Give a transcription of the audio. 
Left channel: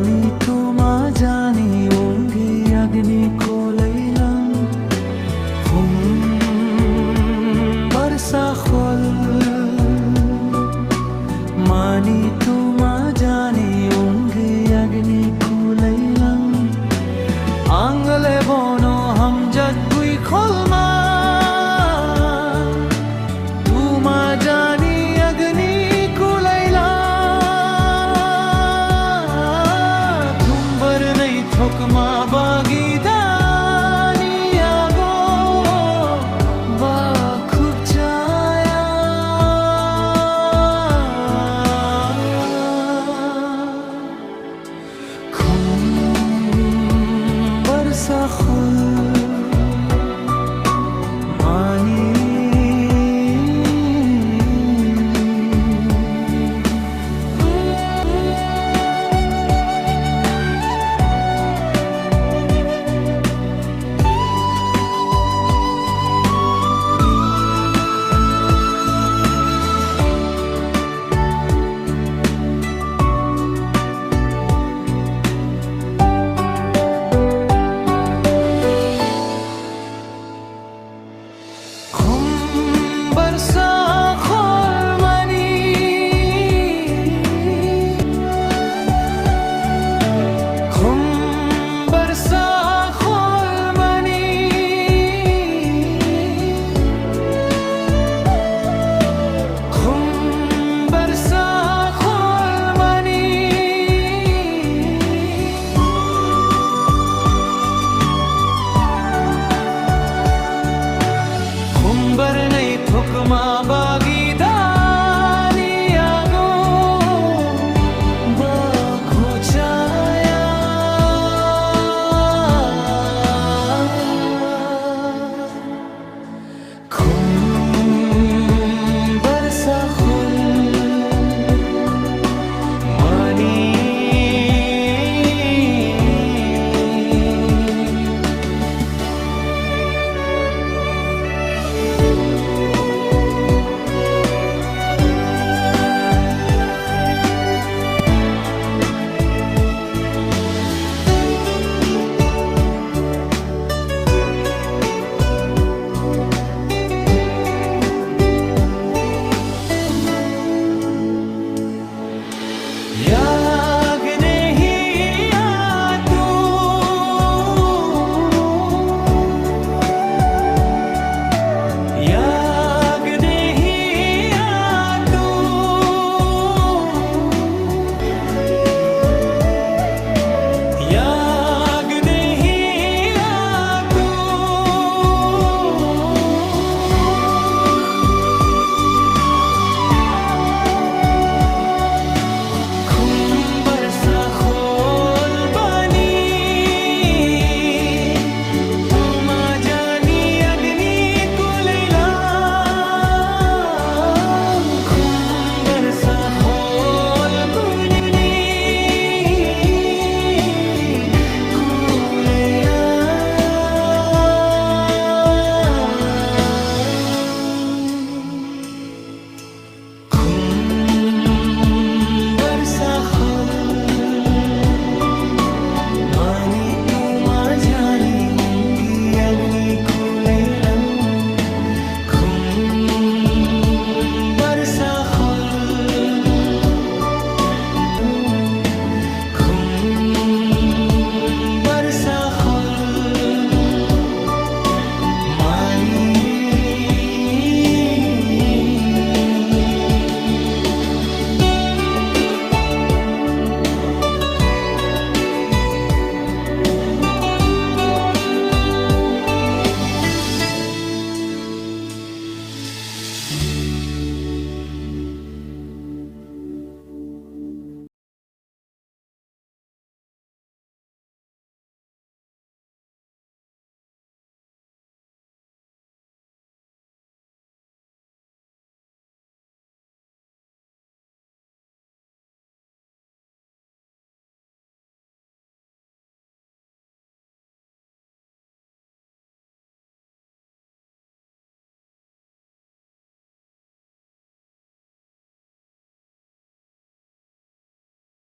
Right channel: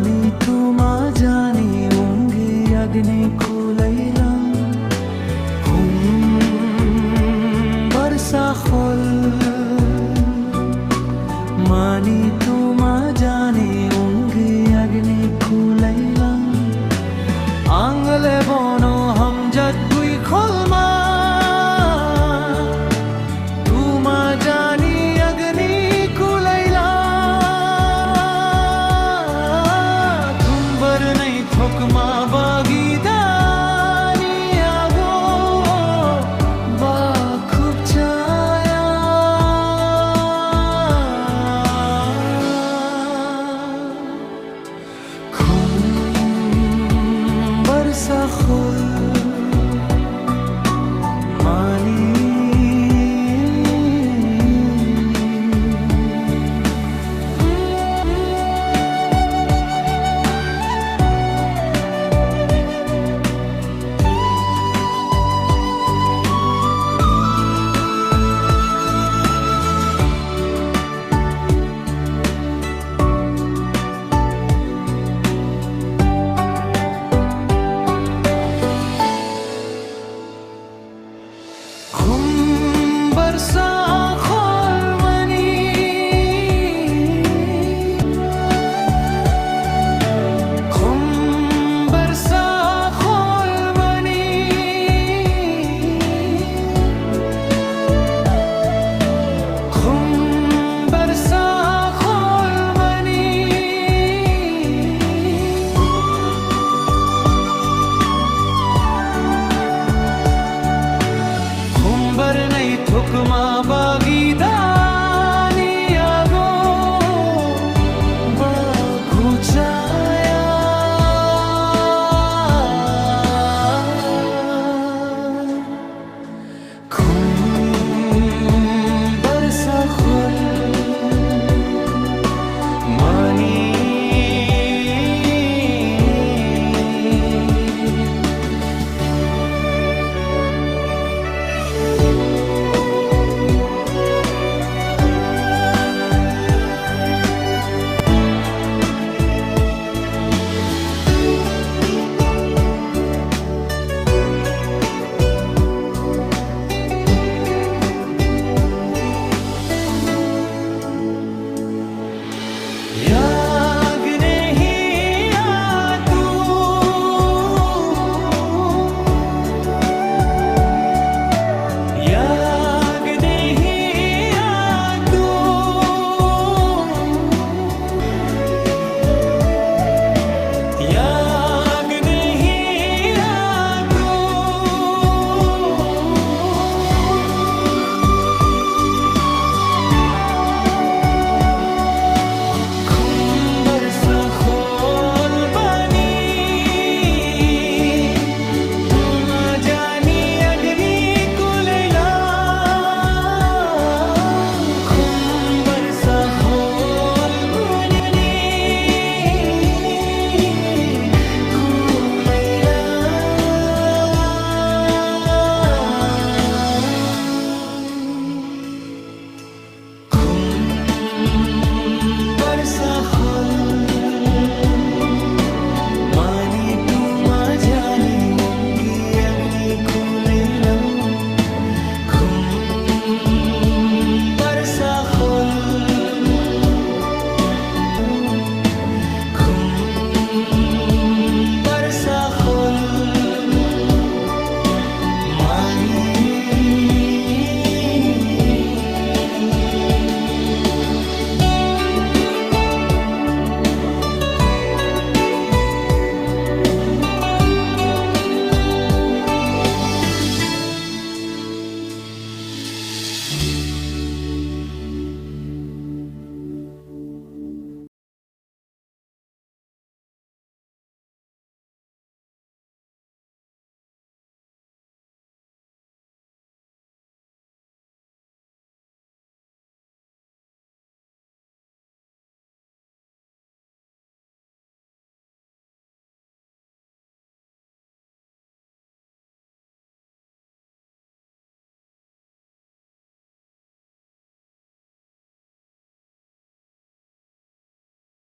मानी तुमा जानी उंगी अग्नि खुलैलम बरसा खोल मानी तुमा जानी उंगी अग्नि खुलैलम आंगले बोनो हम जगुई खोलमा तुमा जानी अग्नि खुलैला तुम्बर नहीं थोकमा बागीदानी आगो बा खूब छाया बरसा खुल मानी बरसा खोल मनी बरसा खोल मनी बरसा खोल मनी बर नहीं थुकमा बागीदानी आगो बघुचाया बरसा खुल मानी याग नहीं आतू याग नहीं आतू याग नहीं आतू बरसा खोल बनी तुमा जानी अग्नि कुलैला बरसा खोल बनी कुलैला बरसा खोल मानी तुमा जानी उंगी अग्नि खुलैलम बरसा खोल।